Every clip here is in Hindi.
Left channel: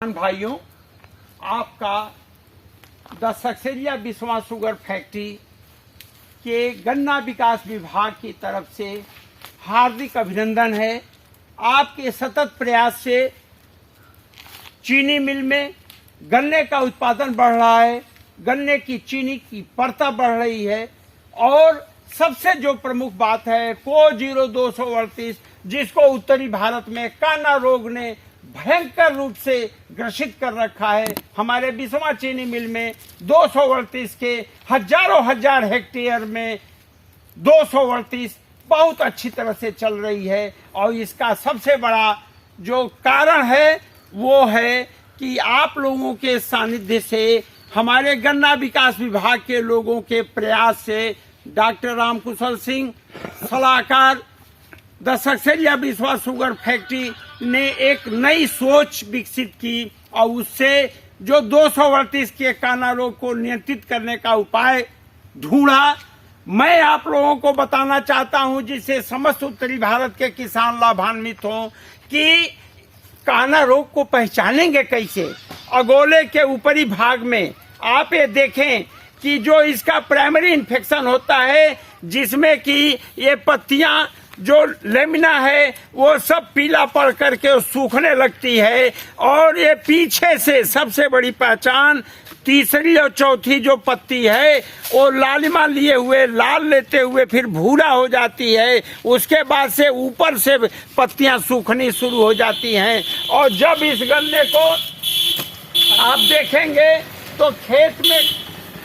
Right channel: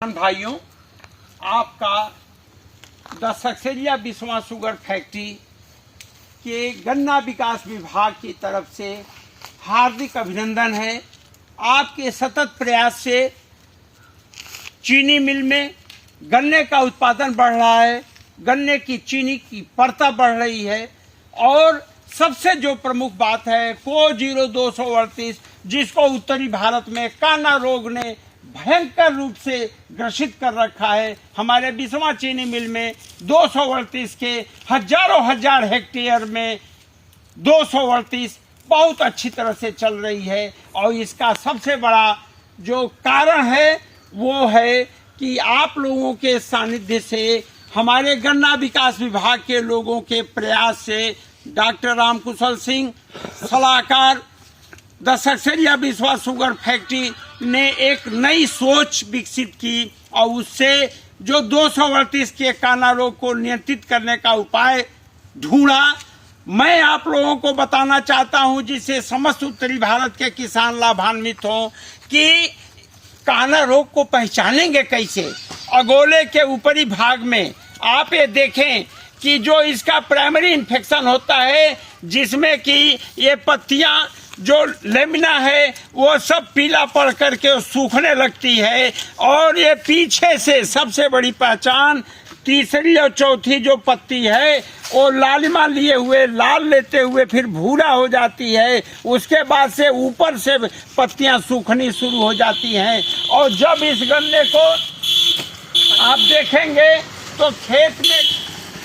भाइयों, आपका the Saksaria Biswa sugar factory के गन्ना विकास विभाग की तरफ से हार्दिक अभिनंदन है। आपके सतत प्रयास से चीनी मिल में गन्ने का उत्पादन बढ़ रहा है, गन्ने की चीनी की परता बढ़ रही है और सबसे जो प्रमुख बात है को0238 जिसको उत्तरी भारत में काना रोग ने भयंकर रूप से ग्रसित कर रखा है, हमारे बिस्वा चीनी मिल में 238 के हजारों हजार हेक्टेयर में 238 बहुत अच्छी तरह से चल रही है। और इसका सबसे बड़ा जो कारण है वो है कि आप लोगों के सानिध्य से, हमारे गन्ना विकास विभाग के लोगों के प्रयास से डॉक्टर रामकुशल सिंह सलाहकार the Saksaria Biswa sugar factory ने एक नई सोच विकसित की और उससे जो 238 के काना रोग को नियंत्रित करने का उपाय ढूंढा। मैं आप लोगों को बताना चाहता हूं, जिससे समस्त उत्तरी भारत के किसान लाभान्वित हों, कि काना रोग को पहचानेंगे कैसे। अगोले के ऊपरी भाग में आप ये देखें कि जो इसका प्राइमरी इन्फेक्शन होता है, जिसमें कि ये पत्तियां जो लेमिना है वो सब पीला पड़ करके सूखने लगती है और ये पीछे से सबसे बड़ी पहचान तीसरी और चौथी जो पत्ती है वो लालिमा लिए हुए लाल लेते हुए फिर भूरा हो जाती है। उसके बाद से ऊपर से पत्तियां सूखनी शुरू हो जाती हैं और जब इस गन्ने को आप देखेंगे तो खेत में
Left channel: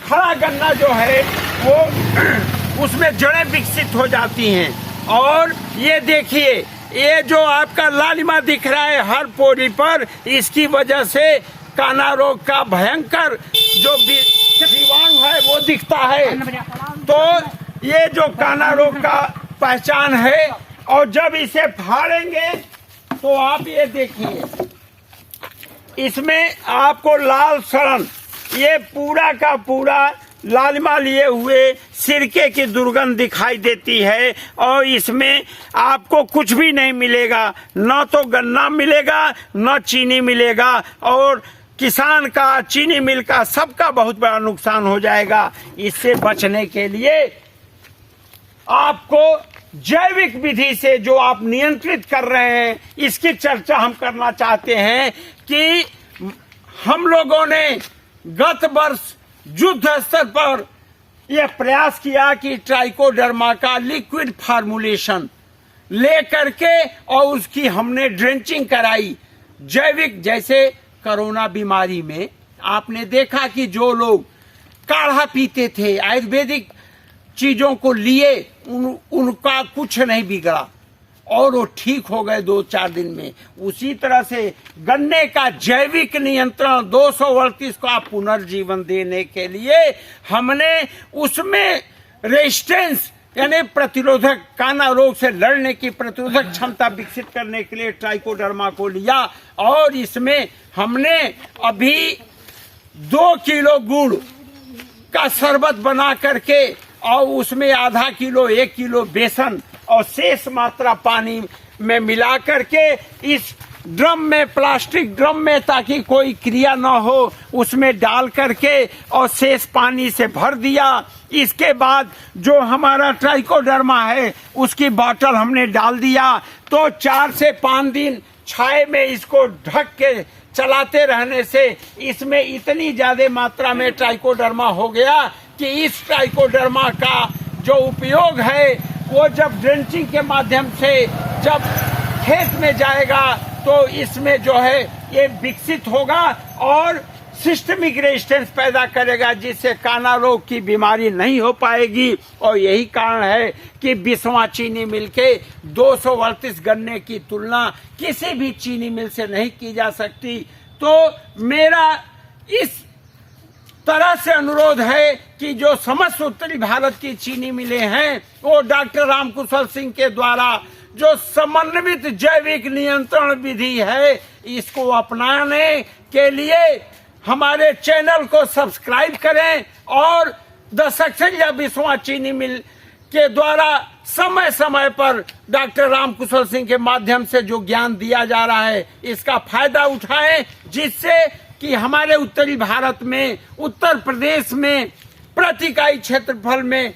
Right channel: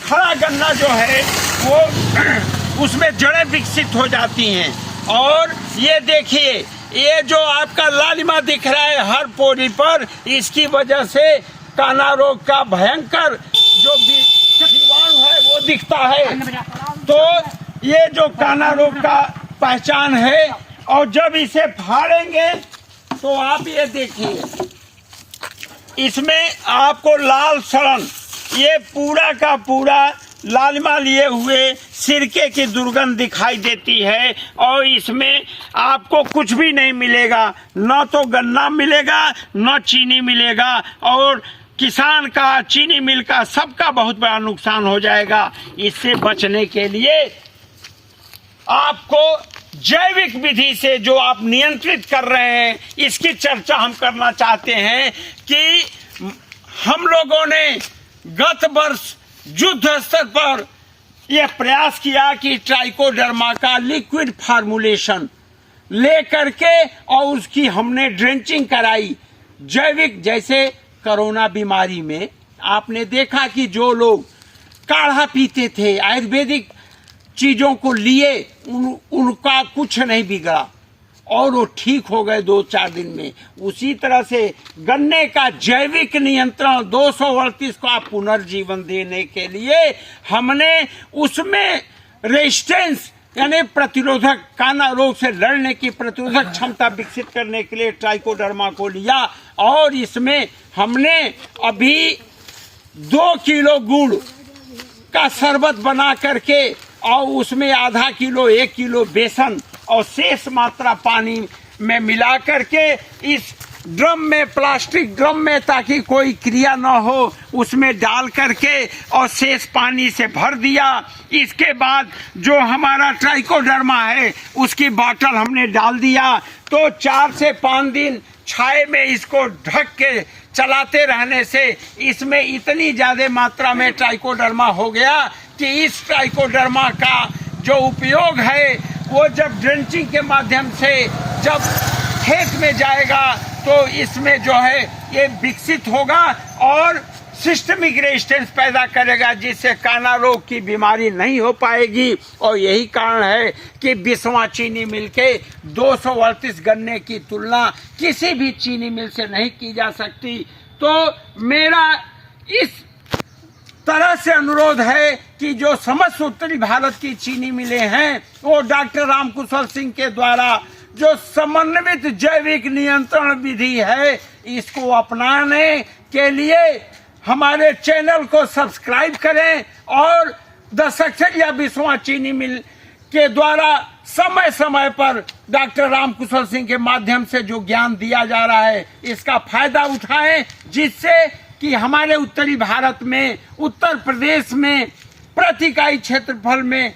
खड़ा गन्ना जो है वो उसमें जड़ें विकसित हो जाती हैं। और ये देखिए, ये जो आपका लालिमा दिख रहा है हर पौड़ी पर, इसकी वजह से काना रोग का भयंकर जो जीवाणु है वो दिखता है। तो ये जो काना रोग का पहचान है, और जब इसे फाड़ेंगे तो आप ये देखिए, इसमें आपको लाल सड़न, ये पूरा का पूरा लालिमा लिए हुए सिरके की दुर्गंध दिखाई देती है और इसमें आपको कुछ भी नहीं मिलेगा, न तो गन्ना मिलेगा न चीनी मिलेगा और किसान का, चीनी मिल का, सबका बहुत बड़ा नुकसान हो जाएगा। इससे बचने के लिए आपको जैविक विधि से जो आप नियंत्रित कर रहे हैं, इसकी चर्चा हम करना चाहते हैं कि हम लोगों ने गत वर्ष युद्ध स्तर पर यह प्रयास किया कि ट्राइकोडर्मा का लिक्विड फार्मूलेशन ले करके और उसकी हमने ड्रेंचिंग कराई जैविक। जैसे कोरोना बीमारी में आपने देखा कि जो लोग काढ़ा पीते थे, आयुर्वेदिक चीजों को लिए, उनका कुछ नहीं बिगड़ा और वो ठीक हो गए 2-4 दिन में। उसी तरह से गन्ने का जैविक नियंत्रण 238 का पुनर्जीवन देने के लिए हमने उसमें रेजिस्टेंस यानी प्रतिरोधक, काना रोग से लड़ने की प्रतिरोधक क्षमता विकसित करने के लिए ट्राइकोडर्मा को लिया और इसमें हमने अभी 2 किलो गुड़ का शरबत बना करके और उसमें आधा किलो 1 किलो बेसन और शेष मात्रा पानी में मिला करके इस ड्रम में, प्लास्टिक ड्रम में, ताकि कोई क्रिया न हो, उसमें डाल करके और शेष पानी से भर दिया। इसके बाद जो हमारा ट्राइकोडर्मा है उसकी बॉटल हमने डाल दिया। तो 4 से 5 दिन छाए में इसको ढक के चलाते रहने से इसमें इतनी ज्यादा मात्रा में ट्राइकोडर्मा हो गया कि इस ट्राइकोडर्मा का जो उपयोग है वो जब ड्रेंचिंग के माध्यम से जब खेत में जाएगा तो इसमें जो है ये विकसित होगा और सिस्टमिक रेजिस्टेंस पैदा करेगा, जिससे काना रोग की बीमारी नहीं हो पाएगी। और यही कारण है कि बिस्वा चीनी मिल के 238 गन्ने की तुलना किसी भी चीनी मिल से नहीं की जा सकती। तो मेरा इस तरह से अनुरोध है कि जो समस्त उत्तरी भारत की चीनी मिलें हैं वो डॉक्टर रामकुशल सिंह के द्वारा जो समन्वित जैविक नियंत्रण विधि है, इसको अपनाने के लिए हमारे चैनल को सब्सक्राइब करें और द सक्सेरिया बिस्वा चीनी मिल के द्वारा समय समय पर डॉक्टर रामकुशल सिंह के माध्यम से जो ज्ञान दिया जा रहा है, इसका फायदा उठाएं, जिससे कि हमारे उत्तरी भारत में, उत्तर प्रदेश में प्रति इकाई क्षेत्रफल में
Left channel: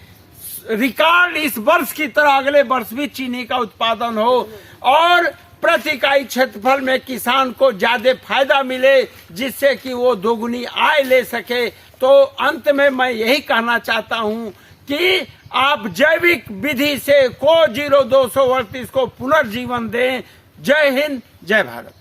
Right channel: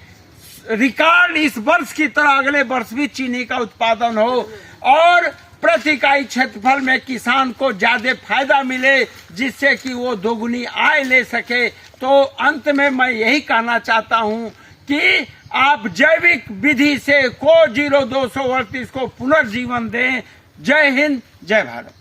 रिकॉर्ड इस वर्ष की तरह अगले वर्ष भी चीनी का उत्पादन हो और प्रति इकाई क्षेत्रफल में किसान को ज्यादा फायदा मिले, जिससे कि वो दोगुनी आय ले सके। तो अंत में मैं यही कहना चाहता हूं कि आप जैविक विधि से को 0238 को पुनर्जीवन दें। जय हिंद, जय भारत।